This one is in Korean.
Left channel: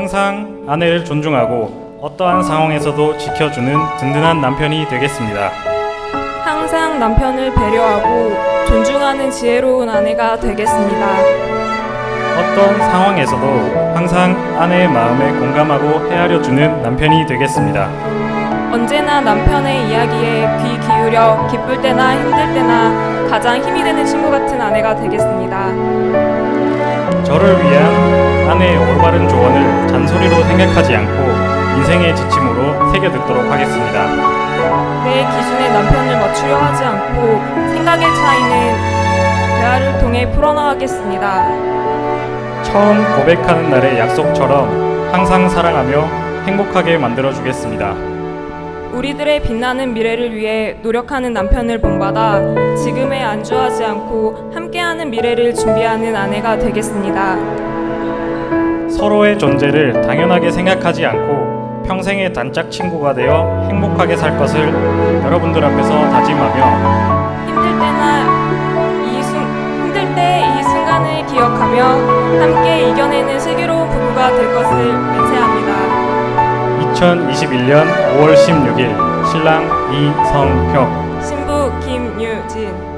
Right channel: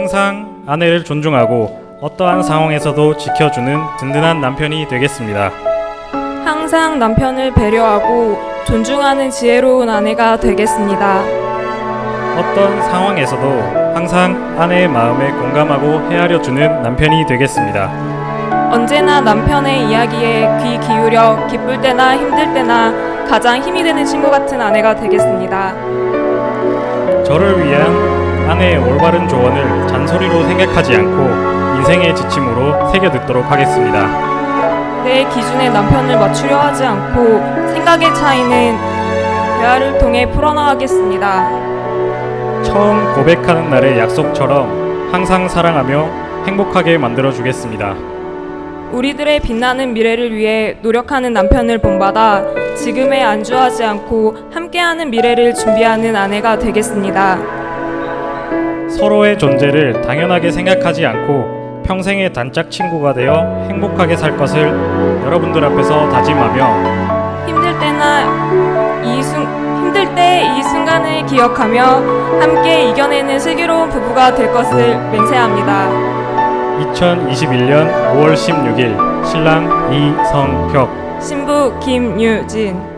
항상 아내를 존중하고 어떠한 상황에서도 지켜주는 든든한 남편이 되겠습니다. 항상 남편을 배려하고 존중하는 지혜로운 아내가 되겠습니다. 어떤 상황에서도 항상 아내의 마음에 공감하고 헤아려 주는 남편이 되겠습니다. 언제나 남편의 이야기에 귀 기울여 기쁠 때나 힘들 때나 가장 힘이 되는 친구 같은 아내가 되겠습니다. 저를 위한 아내의 올바른 조언을 잔소리로 생각하지 않고 인생의 지침으로 새겨 듣도록 하겠습니다. 내 기준에 남편을 맞추려 하지 않고 생각의 차이는 대화를 통해 풀어나가겠습니다. 처음 고백하는 날의 약속처럼 항상 사랑하며 행복하게 만들어 주겠습니다. 우리들의 빛나는 미래를 위해 노력하는 남편을 본받아 지금에 안주하지 않고 함께하는 미래를 준비하는 아내가 되겠습니다. 서로의 존재를 당연하게 생각하지 않고 평생의 단짝 친구가 되어 행복하게 살 것을 여러분들 앞에서 다짐하며 힘들 때나 이 순, 힘들 때 이 순간을 기억하며 함께 이겨내는 슬기로운 부부가 될 것을 맹세합니다. 2021년 5월 16일 신랑 이성혁 신부 김유진